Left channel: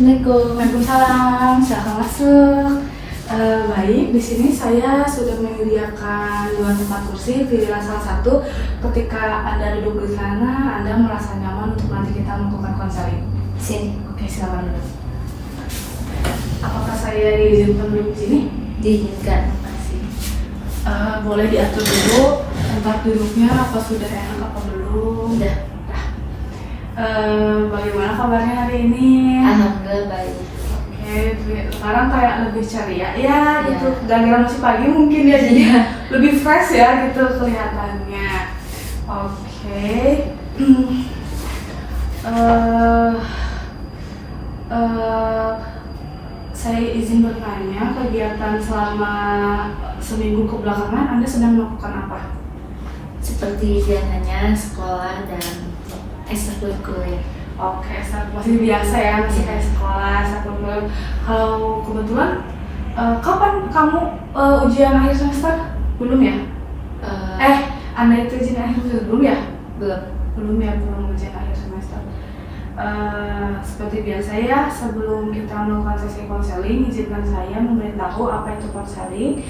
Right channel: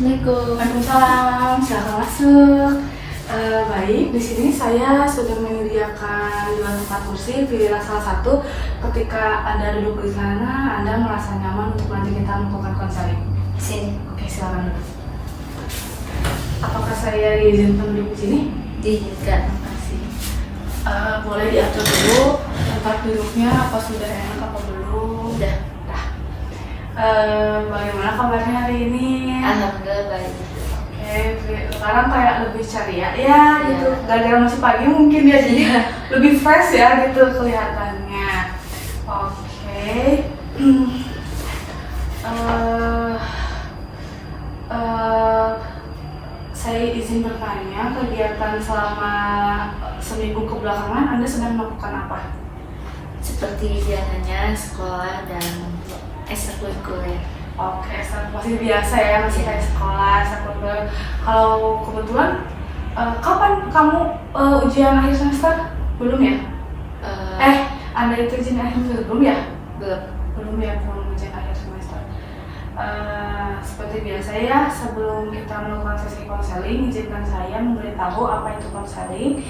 Assalamualaikum. Waalaikumsalam, silahkan masuk. Baik, di sini saya sudah menyediakan 2 tempat kursi. Pilihlah salah satu. Ketika Anda duduk di sana, Anda merasa nyaman untuk nanti kita melakukan konseling. Sini. Oke, silakan duduk. Apakah saya diizinkan duduk di sini? Diizinkan. Makasih. Boleh diatur dulu tempat duduknya, apa sudah enak apa belum? Udah. Bagaimana kabarnya hari ini? Alhamdulillah baik. Sekarang kayak lebih ceria ya gitu. Iya. Gara-gara masih pagi mungkin ya, jadi lebih fresh ya gitu kelihatannya. Oke. Saya izin bertanya, kegiatan selama seminggu kebelakangan Anda sedang melakukan apa? Seperti biasanya sekolah dan ekstrakurikuler. Oke, masih biasa ya, masih kayak sekolah, ekstrakurikuler. Kalau kebetulan, kapan kamu ujian akhir semester? Belum ya? Anda itu ujian akhir semester belum ya? Belum. Belum ya, belum ujian akhir semester. Seperti biasa ya, sebelum kita melakukan sesi konseling, izinkan saya memberitahu apa itu konseling.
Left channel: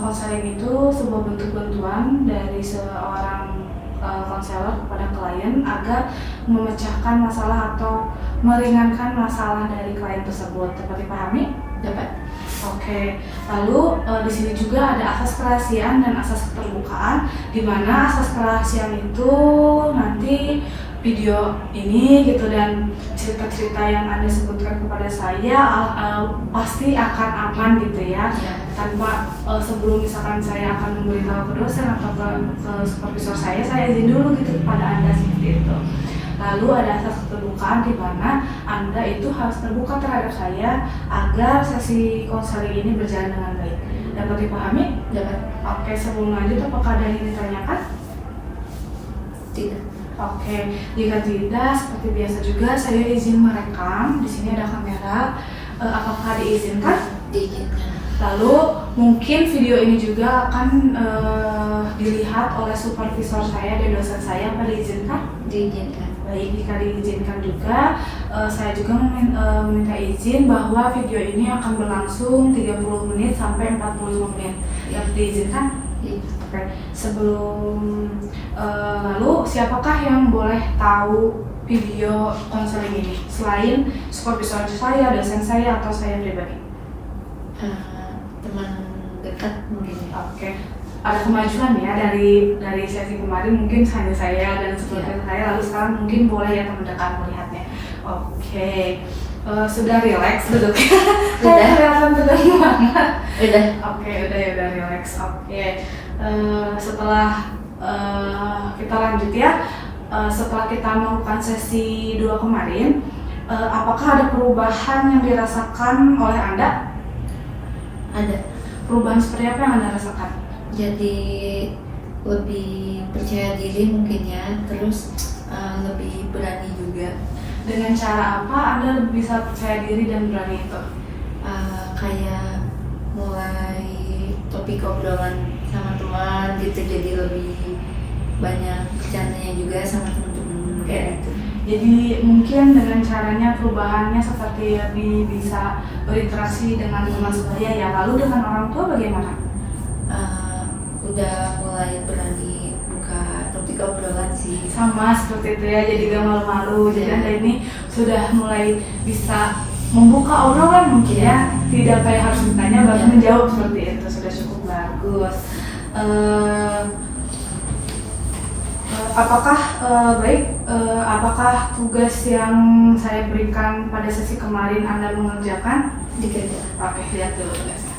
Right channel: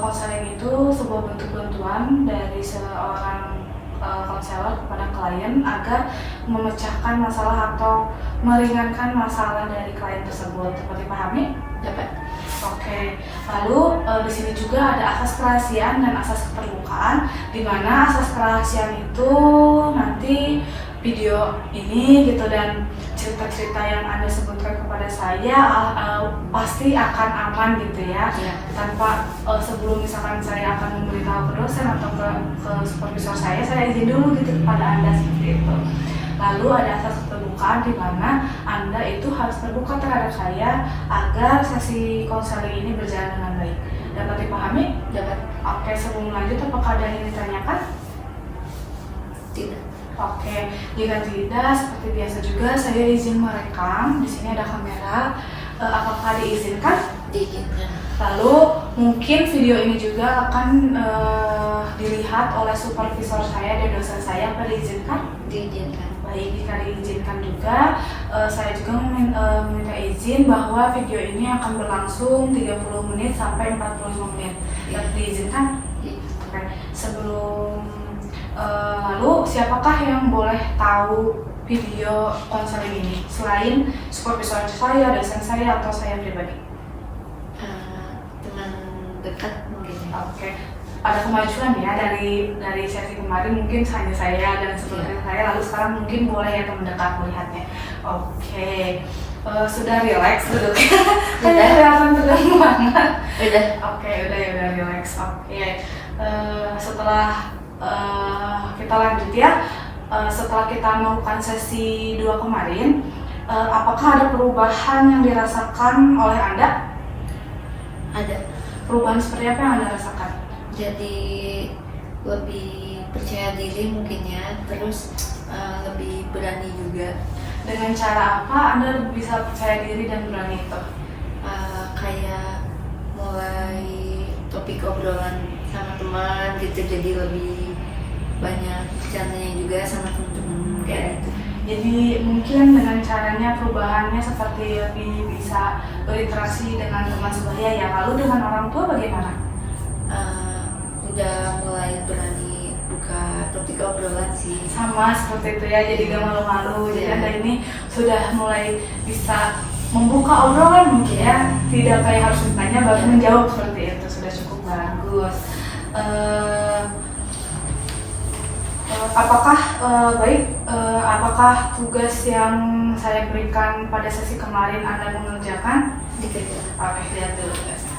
Konseling itu sebuah bentuk bantuan dari seorang konselor kepada klien agar memecahkan masalah atau meringankan masalah dari klien tersebut. Dapat dipahami? Dapat. Oke. Lalu di sini juga ada asas kerahasiaan dan asas keterbukaan, di mana asas kerahasiaan itu nanti video ini gitu dan cerita-cerita yang Anda sebutkan kepada saya pasti akan aman gitu ya. Tanpa sebelum misalkan saya akan memberitahu ke dosen atau ke supervisor saya izin dulu gitu kepada Anda seperti itu. Lalu ada asas keterbukaan di mana Anda itu harus terbuka terhadap saya agar sesi konseling ini berjalan dengan baik. Dapat dipahami? Dapat. Oke, sebelum lanjut apakah ada yang ditanyakan? Tidak. Oke, jika tidak, seperti biasa juga saya izin merekam. Di sini ada kamera. Apakah diizinkan? Diizinkan. Lalu mungkin video ini juga akan dilihat oleh supervisor saya dan dosen saya. Apa diizinkan? Diizinkan. Baik, jika diizinkan juga, saya juga meminta izin bahwa video ini akan berlangsung 30 menit sampai 45 menit. Yang diizinkan? Iya. Oke. Sebelum lalu siapakah yang boleh tahu video konseling ini selain supervisor saya, dosen saya, atau saya pribadi? Teman dekat mungkin. Oke. Ada kemajuan ya dari sesi kemarin, mungkin hanya saya dan supervisor saya, lalu sekarang mungkin boleh yang mendekat melihatnya. Oke. Sudah relax duduknya. Sudah. Kelihatan tegang banget. Udah. Oke, udah relax. Oke. Setelah kita lanjut ya. Setelah kita melakukan sesi 2 kemarin, apakah ada perubahan yang dirasakan oleh Anda? Ada. Perubahan seperti apa yang Anda rasakan? Jadi lebih percaya diri mungkin ya, terus lebih berani juga. Dengan cara apa Anda bisa percaya diri dan berani itu? Kayak mulai topik obrolan sama teman gitu, jadi lebih banyak bercandanya juga sama teman-teman kayak gitu. Jadi mungkin dengan caranya perubahannya seperti lebih bisa berinteraksi dengan teman sebaya ya. Lalu dengan orang tua bagaimana? Udah mulai berani buka topik obrolan sih. Sama seperti itu ya, jadi gak malu-malu. Jadi Anda ini sudah mulai bisa membuka obrolan mungkin ya, tidak kayak harus bertanya baru menjawab seperti itu. Sudah cukup bagus. Apakah tugas yang saya berikan pada sesi kemarin Anda mengerjakan? Dikerja. Oke, lihat dulu tugasnya.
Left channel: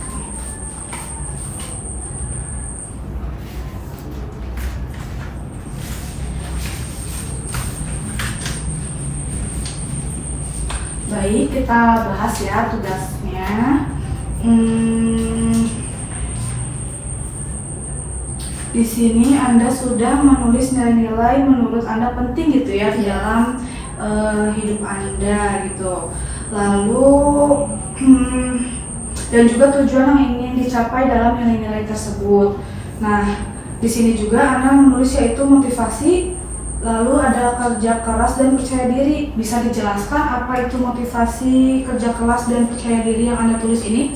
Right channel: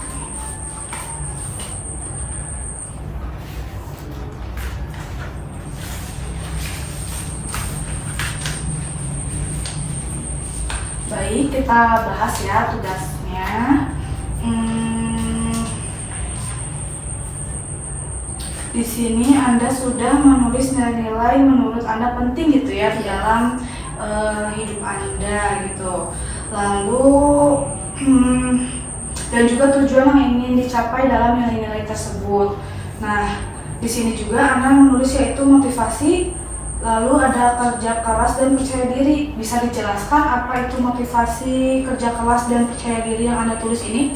Baik, kita bahas ya tugasnya. Di sini Anda sudah menulis nilai-nilai menurut Anda penting gitu ya di dalam hidup Anda gitu. Lalu dan juga tujuan yang ingin dicapai dalam nilai-nilai tersebut. Nah, di sini juga Anda menulis yaitu motivasi, Lalu ada kerja keras dan percaya diri. Bisa dijelaskan apa itu motivasi kerja keras dan percaya diri yang Anda tulis ini?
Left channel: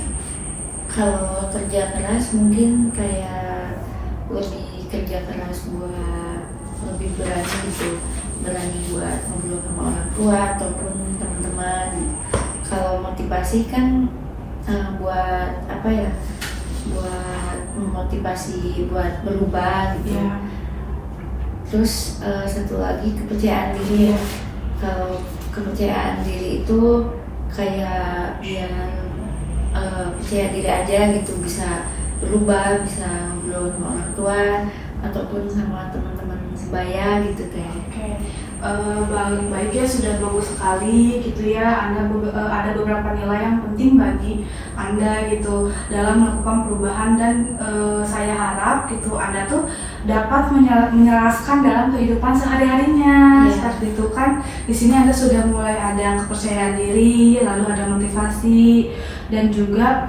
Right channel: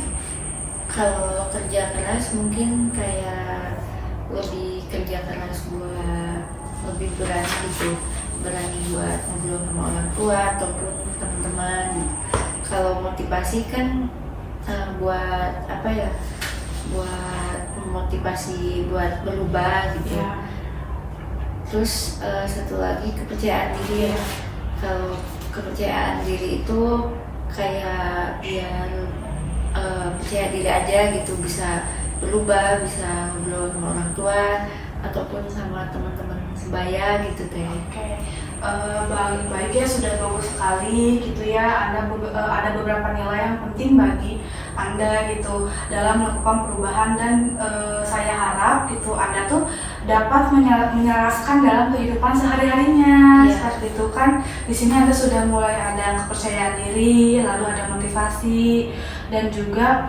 Kalau kerja keras mungkin kayak lebih kerja keras buat lebih berani gitu, berani buat ngobrol sama orang tua ataupun teman-teman. Kalau motivasi kan buat apa ya, buat memotivasi buat berubah gitu. Ya. Terus satu lagi kepercayaan diri ya. Kalau kepercayaan diri itu kayak biar percaya diri aja gitu, bisa berubah, bisa ngobrol sama orang tua ataupun sama teman-teman sebaya gitu teh. Oke, baik ya, sudah bagus sekali gitu ya. Ada beberapa nilai yang penting bagi Anda gitu dalam melakukan perubahan, dan saya harap gitu Anda tuh dapat menyelaraskan dalam kehidupan sehari-harinya. Iya. Seperti itu kan, di sini Anda sudah mulai ada kepercayaan diri, lalu ada motivasi, dan juga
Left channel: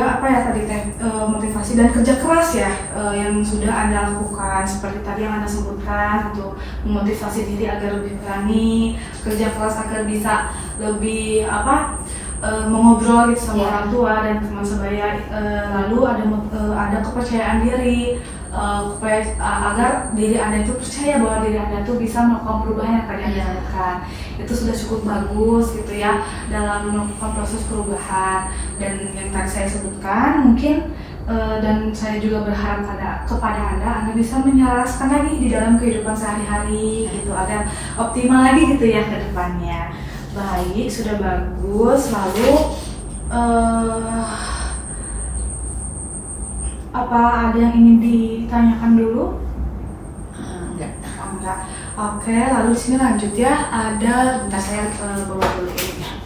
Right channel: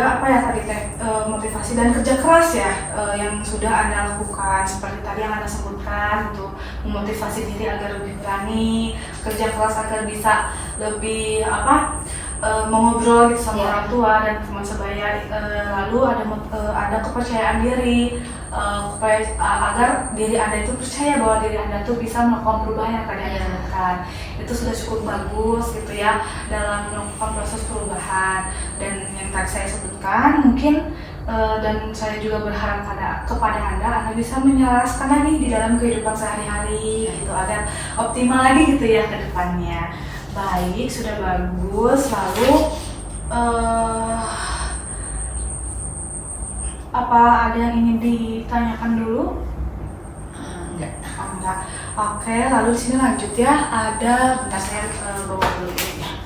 apa ya tadi teh, motivasi dan kerja keras ya, yang sudah Anda lakukan seperti tadi yang Anda sebutkan, untuk memotivasi diri agar lebih berani, kerja keras agar bisa lebih mengobrol gitu sama orang tua dan teman sebaya. Lalu ada kepercayaan diri, agar diri Anda itu percaya bahwa diri Anda tuh bisa melakukan perubahan yang tadi Anda lakukan. Itu sudah cukup bagus gitu ya dalam melakukan proses perubahan. Dan yang tadi saya sebutkan mungkin dan saya juga berharap kepada Anda bisa menyelaraskan lagi di dalam kehidupan sehari-hari gitu, agar optimal lagi gitu ya ke depannya. Baik, sudah bagus. Lalu apa ada yang ingin ditanyakan dulu? Enggak. Enggak. Oke, lalu sini lanjut ya. Ada, bentar saya bawa dulu ini.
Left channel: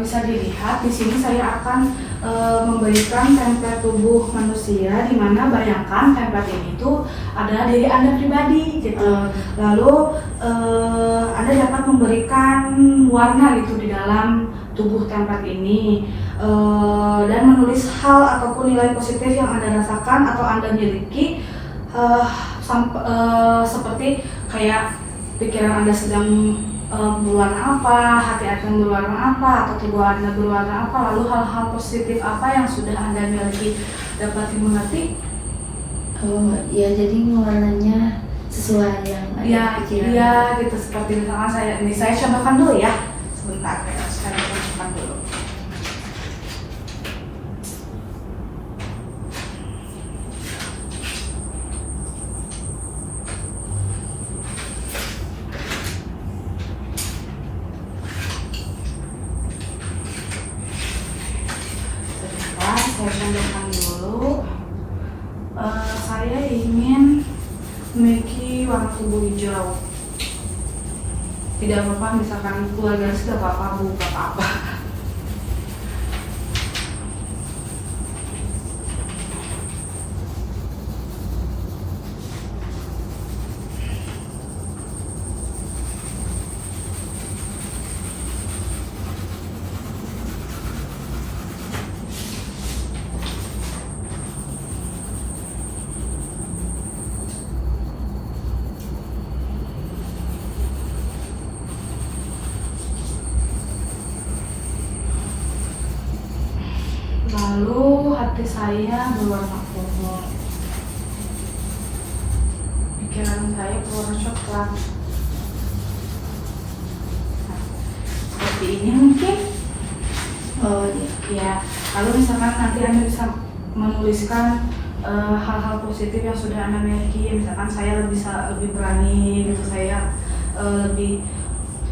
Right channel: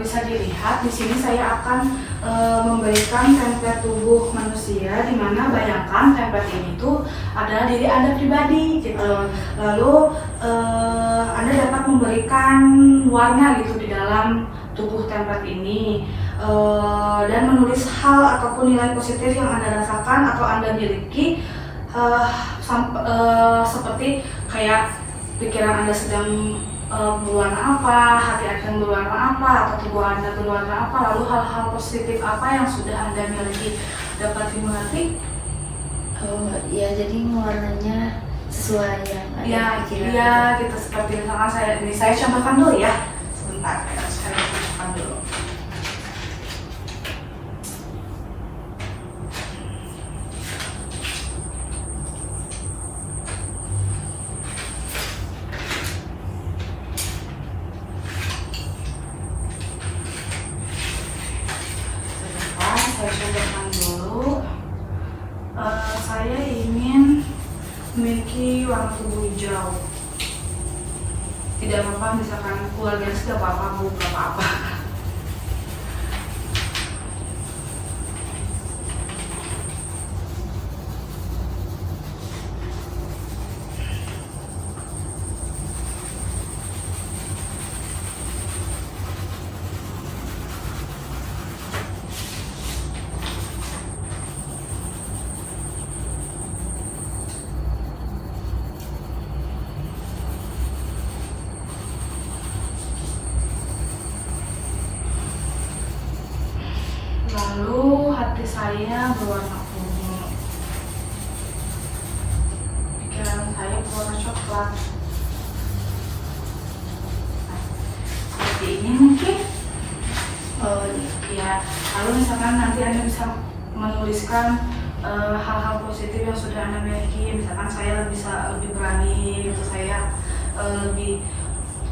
Bisa dilihat di sini saya akan memberikan template tubuh manusia, di mana bayangkan template ini tuh adalah diri Anda pribadi gitu. Lalu Anda dapat memberikan warna gitu di dalam tubuh template ini, dan menulis hal ataupun nilai positif yang Anda rasakan atau Anda miliki, seperti kayak pikiran Anda sedang berwarna apa, hati Anda berwarna apa, atau tubuh Anda berwarna apa, lalu hal-hal positif apa yang sudah Anda miliki. Dapat dimengerti? Oh ya, jadi warnanya sesuai yang Anda pikirin. Iya gitu, seperti misalkan saya contohkan dulu ya. Sebentar, saya contohkan dulu. Saya contohkan dulu. Saya ingin memiliki warna tubuh hijau. Tidak apa-apa, misalkan keluarga tidak apa-apa, bukan apa-apa. Lalu hati saya berwarna ungu, pikiran saya berwarna coklat. Seperti ini mungkin. Oh ya. Lalu misalkan nanti Anda bisa menuliskan hal-hal positif yang sudah Anda miliki. Misalkan saya bisa lebih berani, gitu, saya lebih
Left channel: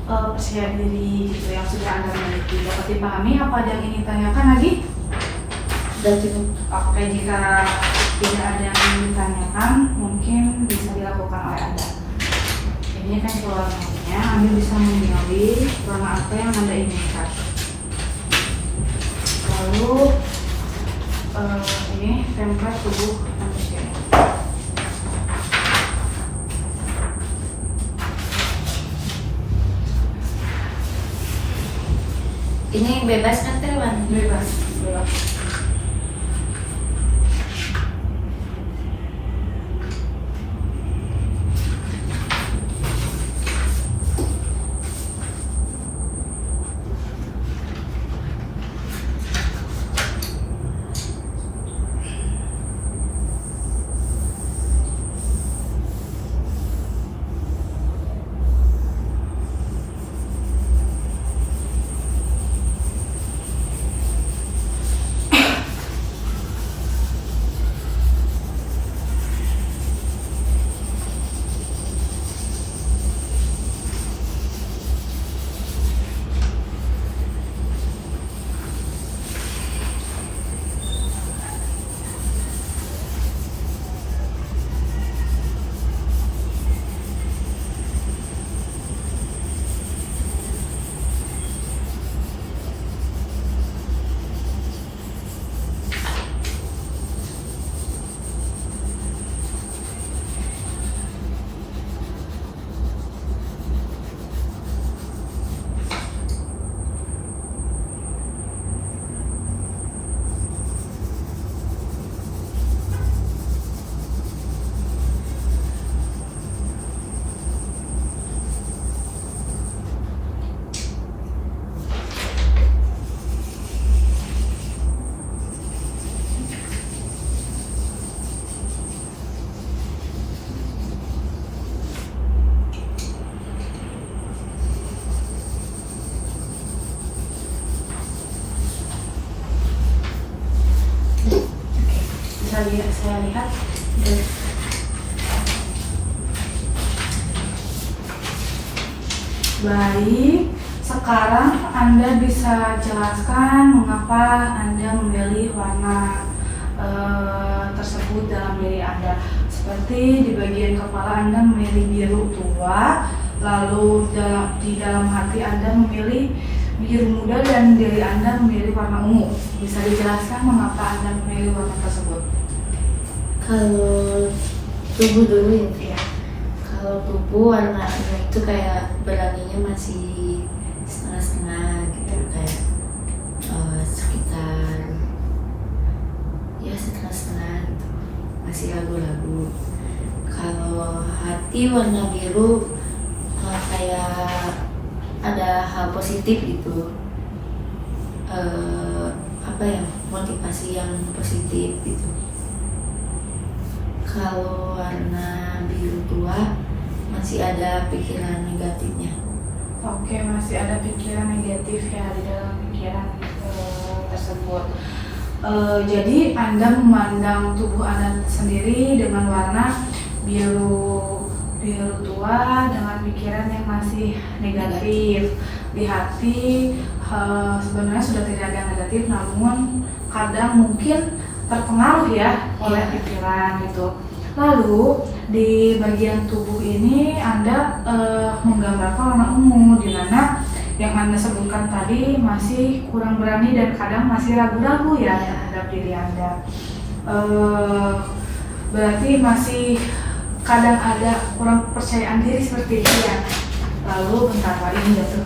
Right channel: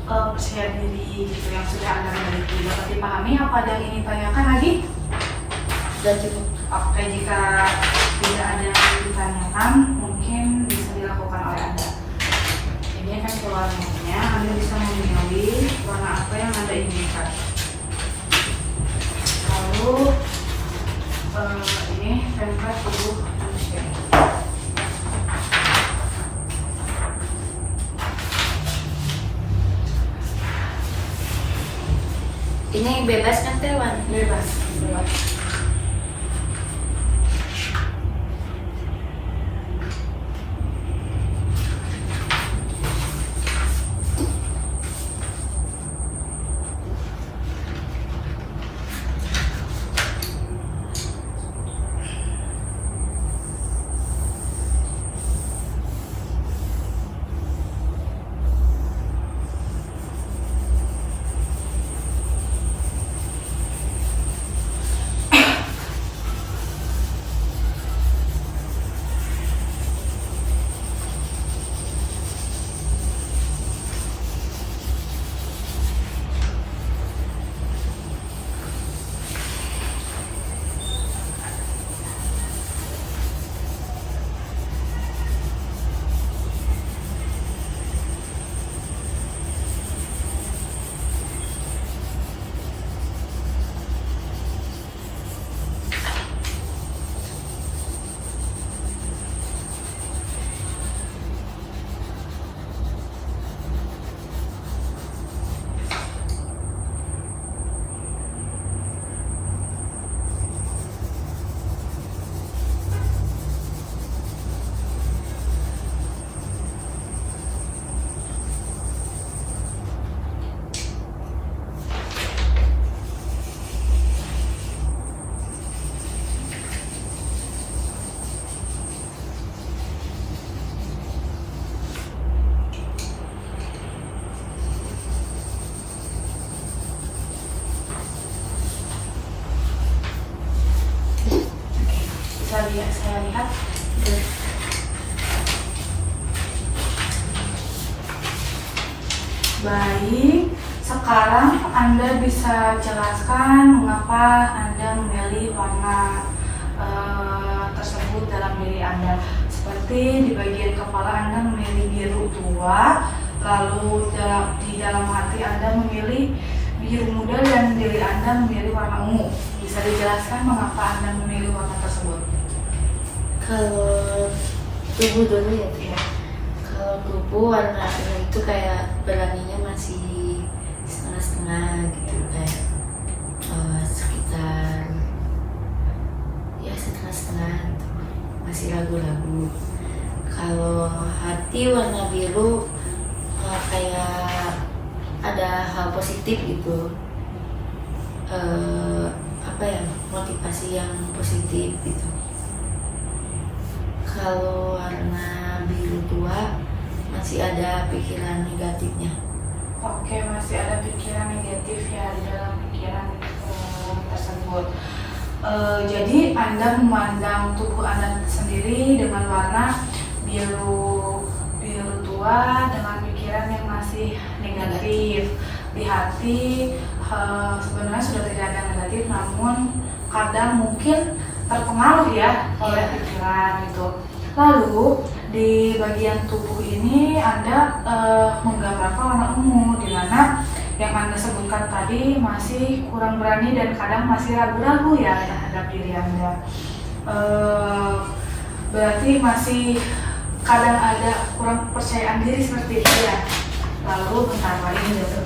percaya diri gitu, yang sudah Anda miliki. Dapat dipahami apa ada yang ingin tanyakan lagi? Sudah cukup. Oke, jika tidak ada yang ingin ditanyakan, mungkin bisa dilakukan oleh Anda. Ini kan warnanya, Anda bisa memilih warna apa yang Anda inginkan. Lalu tubuh manusia. Ini bebas kan Teh Wan? Bebas. Saya lihat. Baik, sekarang Anda bisa jelaskan mengapa Anda memilih warna tersebut dalam diri Anda. Seperti di bagian kepala Anda memilih biru tua, lalu di dalam hati Anda memilih biru muda dan diri Anda memilih warna ungu. Bisa dijelaskan mengapa Anda memilih warna tersebut? Kalau tubuh dulu ya Teh. Kalau tubuh warnanya itu kayak beraninya masih setengah-setengah gitu, kayak sekitar ya setengah-setengah gitu, masih ragu-ragu. Kalau hati warna biru kayak ada hal positif gitu, apa ya, motivasi yang positif gitu. Kalau warna biru tua masih ada pikiran negatifnya. Oke, masih ada pikiran negatif ya di dalam pikiran tersebut. Jadi Anda memandang tubuh Anda sendiri dengan warna biru tua dengan pikiran yang masih negatif. Di hati sebenarnya sudah tidak ada negatif, namun kadang mungkin terpengaruh ya oleh pikiran gitu. Lalu di bagian tubuh ini Anda menggambarkan warna ungu, di mana yang Anda sebutkan tadi masih kurang berani dan kadang masih ragu-ragu ya terhadap diri Anda. Berarti masih kadang ada kurang percayaan diri seperti itu ya. Lalu bentar lagi gitu.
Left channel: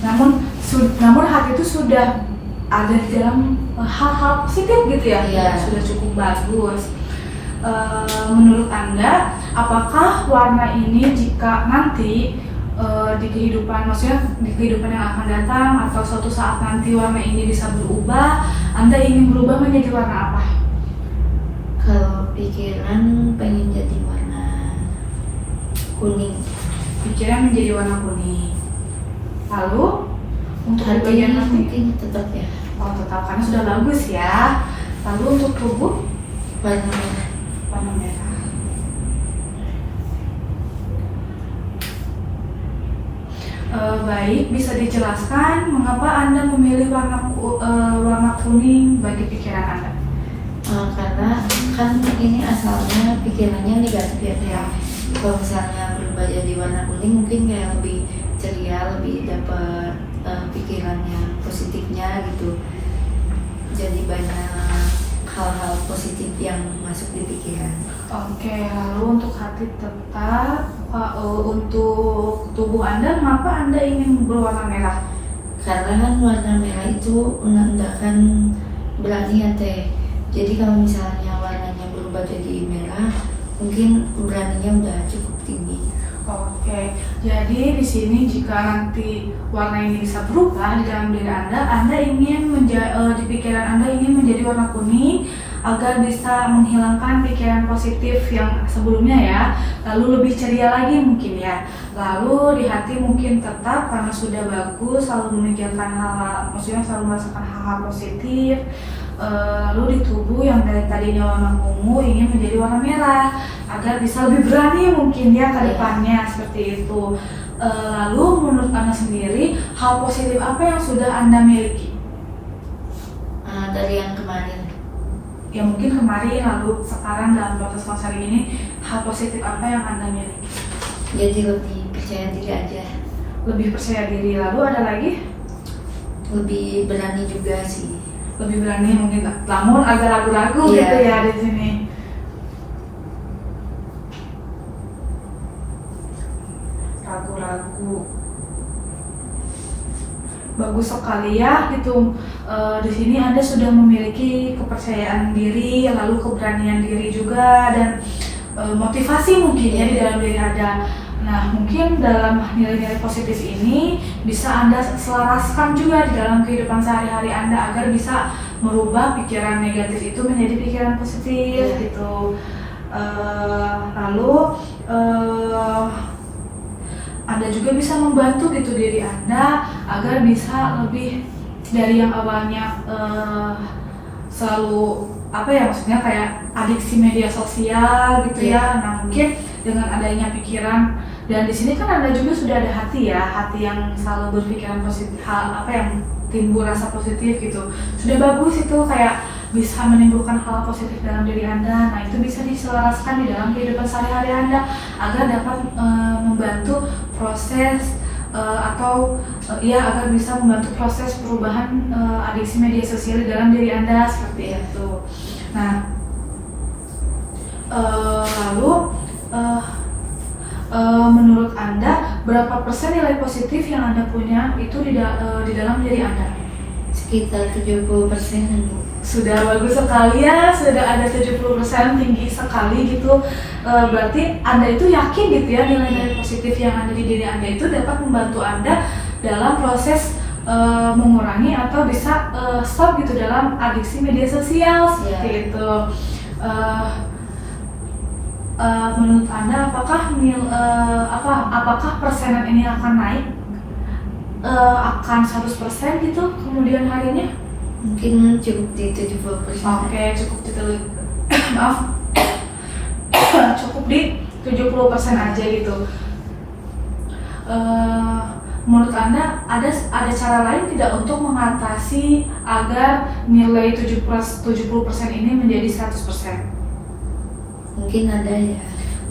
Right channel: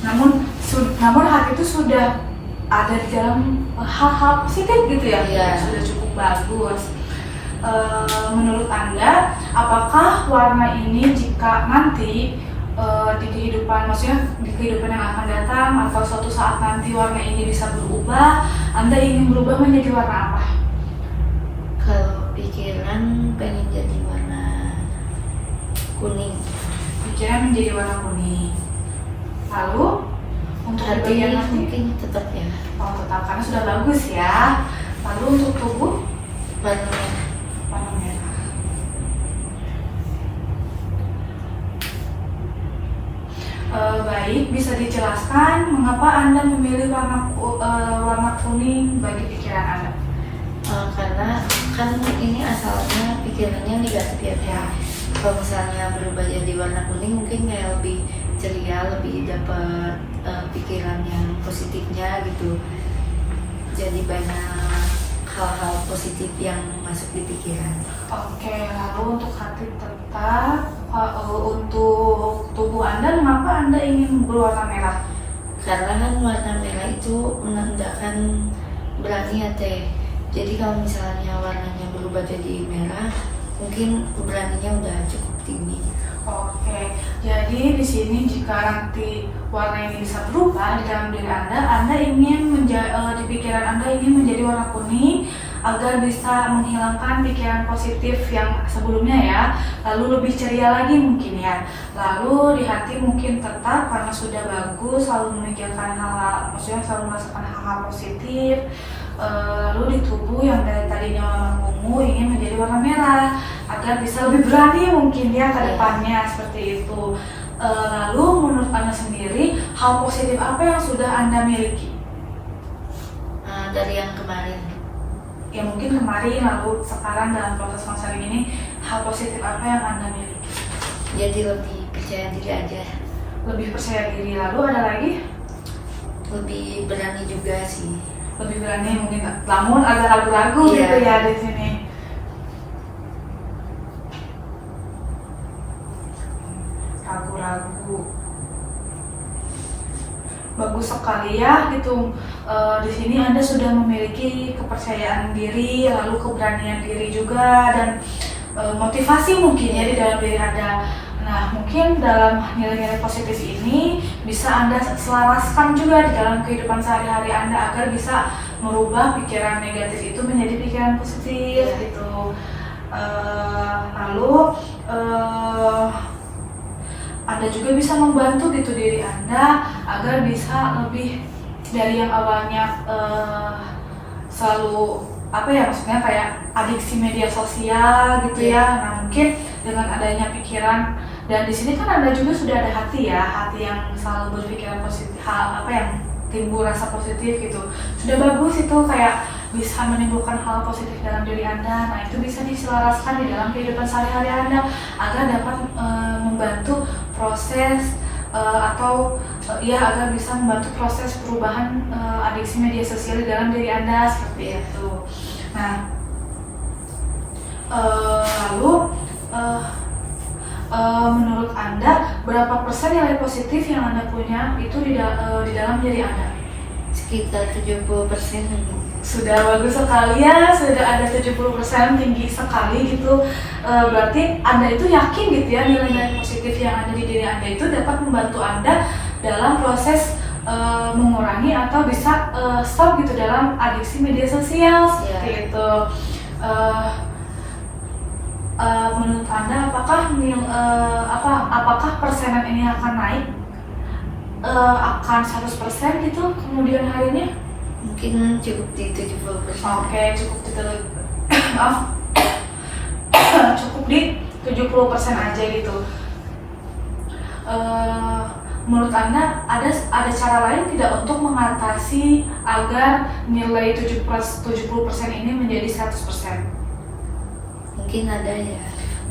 Namun hati itu sudah ada di dalam hal-hal positif gitu ya, sudah cukup bagus. Menurut Anda, apakah warna ini jika nanti di kehidupan, maksudnya di kehidupan yang akan datang atau suatu saat nanti warna ini bisa berubah, Anda ingin berubah menjadi warna apa? Kalau pikiran pengen jadi warna kuning. Pikiran menjadi warna kuning. Lalu untuk Hati bagian hati mungkin tetap ya. Oh, tetap, karena sudah bagus ya. Lalu untuk tubuh Warna warna merah. Baik, bisa dijelaskan mengapa Anda memilih warna kuning bagi pikiran Anda? karena kan ini asalnya pikirannya negatif ya. Kalau misalnya berubah jadi warna kuning mungkin kayak lebih ceria, lebih dapat pikiran yang positifnya gitu. Jadi banyak hal-hal positif yang masuk di pikiran. Oke, lalu untuk hati tetap, untuk tubuh Anda, mengapa Anda ingin berwarna merah? Karena kan warna merah itu menandakan berani ya teh. Jadi kalau misalnya warnanya berubah jadi merah, mungkin beraninya udah cukup tinggi. Oke, jadi di sini jika nanti warna ini bisa berubah di dalam diri Anda ingin di pikiran Anda ingin menjadi warna kuning agar bisa menghilangkan pikiran positif yang sebelumnya ya, lalu lebih ceria lagi mungkin ya. Lalu di hati mungkin tetap karena sudah bagus, selalu memikirkan hal-hal, maksudnya selalu merasakan hal-hal positif. Lalu di tubuh yang dari tadinya warna ungu ingin menjadi warna merah agar bisa lebih berani mungkin ya ke depannya seperti itu. Lalu menurut Anda sendiri hal positif apa yang sudah Anda miliki? Dari yang kemarin. Ya mungkin kemarin lalu sekarang dalam proses konseling ini hal positif apa yang Anda miliki? Jadi lebih percaya diri aja. Lebih percaya diri, lalu ada lagi? Lebih berani juga sih. Lebih berani mungkin, namun agak ragu-ragu gitu ya di sini. Ragu-ragu. Bagus sekali ya gitu. Di sini Anda sudah memiliki kepercayaan diri, lalu keberanian diri juga, dan motivasi mungkin ya di dalam diri Anda. Nah, mungkin dalam nilai-nilai positif ini bisa Anda selaraskan juga di dalam kehidupan sehari-hari Anda agar bisa merubah pikiran negatif itu menjadi pikiran positif gitu. Lalu Anda juga bisa membantu gitu diri Anda agar bisa lebih dari yang awalnya selalu apa ya, maksudnya kayak adiksi media sosial gitu ya. Nah, mungkin dengan adanya pikiran, dan di sini kan Anda juga sudah ada hati ya, hati yang selalu berpikiran positif, apa yang timbul rasa positif gitu. Sudah bagus itu, kayak bisa menimbulkan hal positif dalam diri Anda. Nah, itu bisa diselaraskan di dalam kehidupan sehari-hari Anda agar dapat membantu proses agar bisa membantu proses perubahan adiksi media sosial di dalam diri Anda seperti itu. Nah, lalu menurut Anda berapa persen nilai positif yang Anda punya itu di dalam diri Anda? Sekitar 70%. Sudah bagus sekali ya, sudah ada 70%, tinggi sekali gitu. Berarti Anda itu yakin gitu ya nilai-nilai positif yang ada di diri Anda itu dapat membantu Anda dalam proses mengurangi atau bisa stop gitu dalam adiksi media sosial seperti itu. Menurut Anda apakah persenan ini akan naik akan 100% gitu kemudian harinya? Mungkin cukup di 70%. Oke, cukup di maaf cukup di 70% aja gitu. Menurut Anda ada cara lain tidak untuk mengatasi agar nilai 70% ini menjadi 100%? Mungkin ada ya.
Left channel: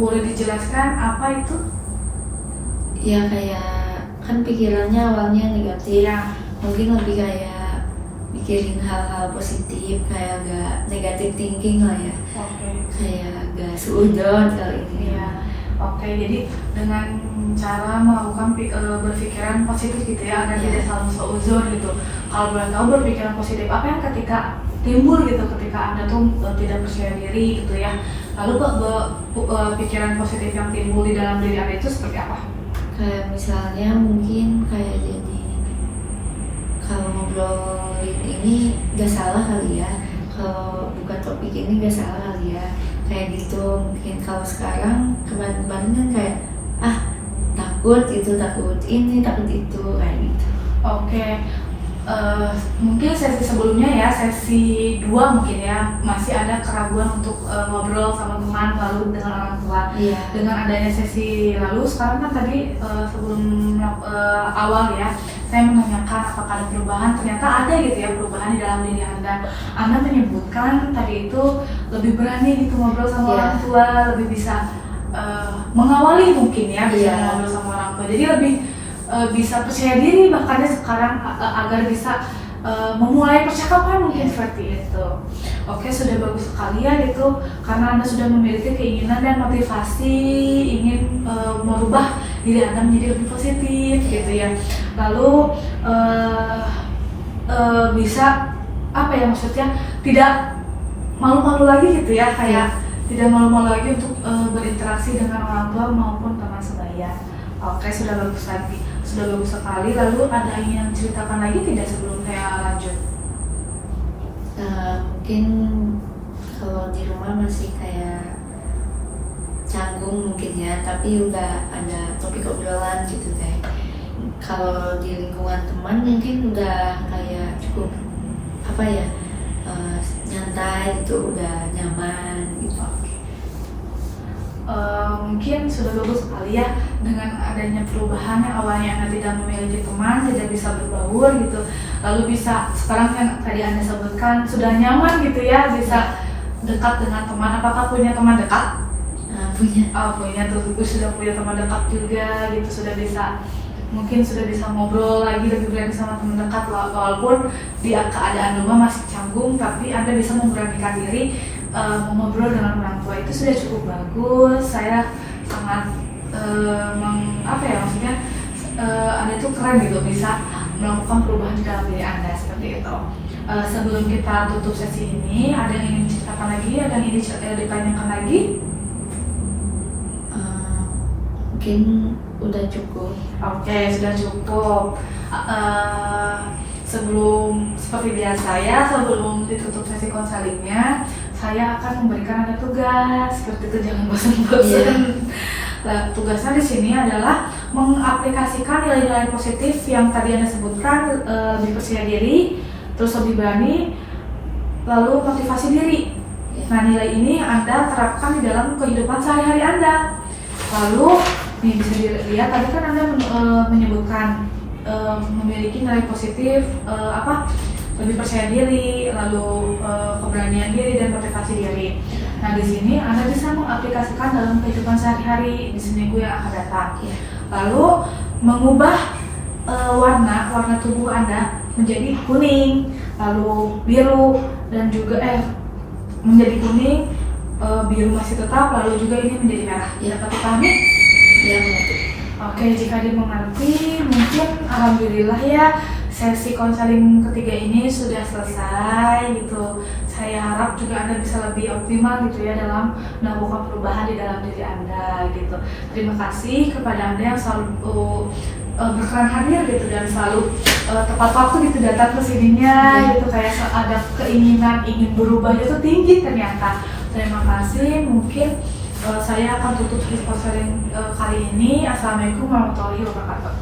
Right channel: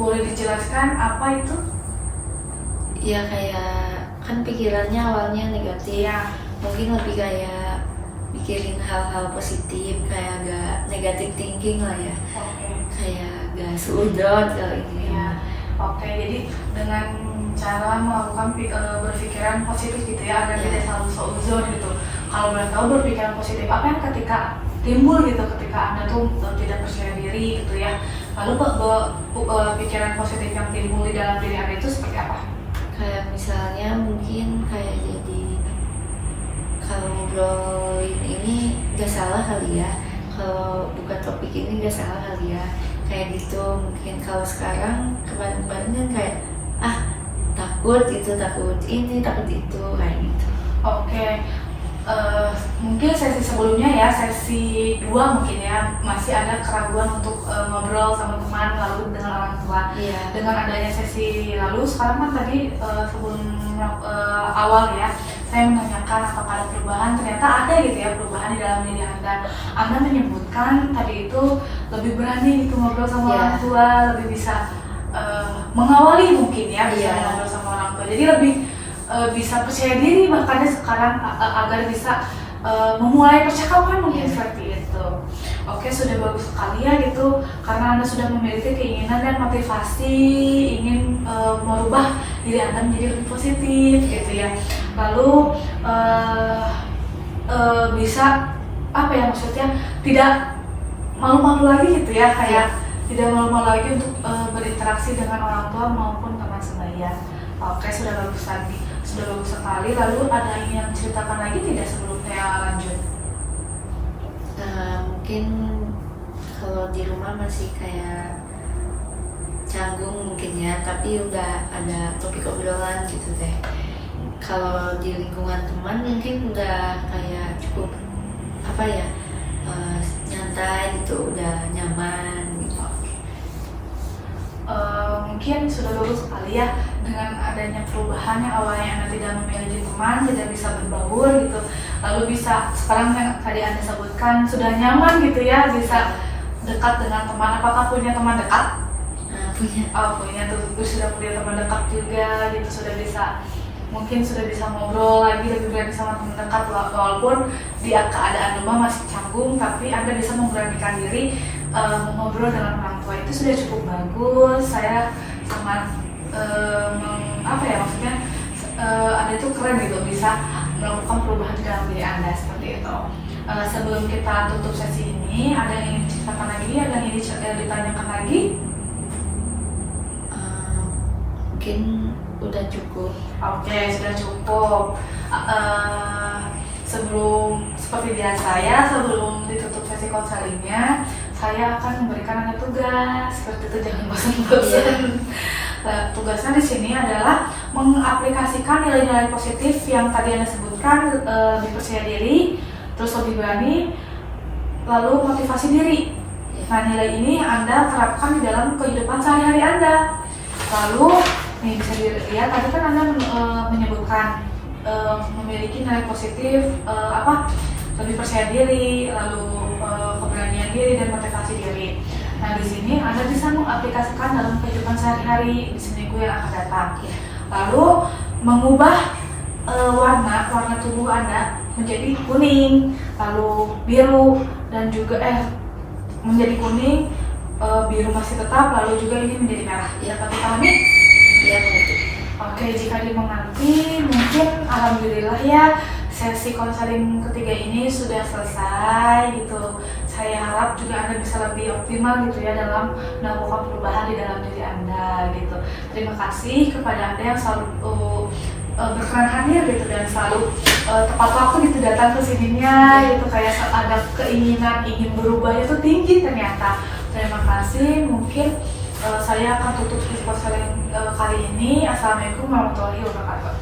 Boleh dijelaskan apa itu? Ya kayak kan pikirannya awalnya negatif, mungkin lebih kayak mikirin hal-hal positif, kayak gak negatif thinking lah ya. Kayak gak seudon kalau ini ya. Oke, jadi dengan cara melakukan berpikiran positif gitu ya, agar tidak selalu seuzon gitu. Kalau boleh tahu berpikiran positif apa yang ketika timbul gitu ketika Anda tuh tidak percaya diri gitu ya, lalu pikiran positif yang timbul di dalam diri Anda itu seperti apa? Kayak misalnya mungkin kayak jadi kalau ngobrolin ini gak salah kali ya, kalau buka topik ini gak salah kali ya, kayak gitu. Mungkin kalau sekarang kemarin-kemarin kan kayak takut gitu, takut ini, takut itu, kayak gitu. Oke. Mungkin sesi sebelumnya ya, sesi 2 mungkin ya, masih ada keraguan untuk ngobrol sama teman lalu dengan orang tua. Dengan adanya sesi lalu, sekarang kan tadi sebelum awal ya, saya menanyakan apakah ada perubahan, ternyata ada gitu ya perubahan di dalam diri Anda. Anda menyebutkan tadi itu lebih berani gitu ngobrol sama orang tua, lebih bisa mengawali mungkin ya, bisa ngobrol sama orang tua. Jadi lebih bisa percaya diri makanya sekarang agar bisa memulai percakapan mungkin seperti itu. Oke, sudah bagus sekali ya gitu, karena Anda sudah memiliki keinginan dan motivasi ingin merubah diri Anda menjadi lebih positif gitu ya. Lalu bisa apa ya, maksudnya tidak malu-malu lagi gitu ya, kayak tidak malu-malu lagi untuk berinteraksi dengan orang tua maupun teman sebaya. Oke, sudah bagus lagi, sudah bagus sekali. Lalu ada ini yang ceritakan lagi tidak sebelum saya lanjut? Mungkin kalau di rumah masih kayak canggung mungkin ya, tapi udah ada topik obrolan gitu teh. Kalau di lingkungan teman mungkin udah kayak cukup apa ya, nyantai gitu, udah nyaman gitu. Mungkin sudah bagus sekali ya dengan adanya perubahan yang awalnya Anda tidak memiliki teman, tidak bisa berbaur gitu, lalu bisa sekarang yang tadi Anda sebutkan sudah nyaman gitu ya, bisa dekat dengan teman. Apakah punya teman dekat? Punya. Punya tuh, sudah punya teman dekat juga gitu, sudah bisa, mungkin sudah bisa ngobrol lagi lebih berani sama teman dekat, walaupun di keadaan rumah masih canggung, tapi Anda bisa memberanikan diri mengobrol dengan orang tua. Itu sudah cukup bagus. Saya sangat apa ya, maksudnya Anda itu keren gitu, bisa melakukan perubahan di dalam diri Anda seperti itu. Sebelum kita tutup sesi ini, ada yang ingin ceritakan lagi, ada yang ingin ditanyakan lagi? Mungkin udah cukup. Oke, sudah cukup. Sebelum seperti biasa ya, sebelum ditutup sesi konselingnya, saya akan memberikan Anda tugas. Seperti itu, jangan bosan-bosan. Tugasnya di sini adalah mengaplikasikan nilai-nilai positif yang tadi Anda sebutkan, lebih percaya diri, terus lebih berani, lalu motivasi diri. Nah, nilai ini Anda terapkan di dalam kehidupan sehari-hari Anda. Lalu nih bisa dilihat, tadi kan Anda menyebutkan memiliki nilai positif, lebih percaya diri, lalu keberanian diri dan motivasi diri. Nah, di sini Anda bisa mengaplikasikan dalam kehidupan sehari-hari di seminggu yang akan datang. Lalu mengubah warna tubuh Anda menjadi kuning, lalu biru, dan juga menjadi kuning, biru masih tetap, lalu juga ini menjadi merah. Ya, tapi pahami? Ya, mengerti. Oke, jika dimengerti, mungkin alhamdulillah ya sesi konseling ketiga ini sudah selesai gitu. Saya harap juga Anda bisa lebih optimal gitu ya dalam melakukan perubahan di dalam diri Anda gitu. Terima kasih kepada Anda yang selalu berkenan hadir gitu, dan selalu tepat waktu gitu datang ke sininya gitu, kayak ada keinginan ingin berubah itu tinggi ternyata. Terima kasih. Mungkin saya akan tutup di konseling kali ini. Assalamualaikum warahmatullahi wabarakatuh.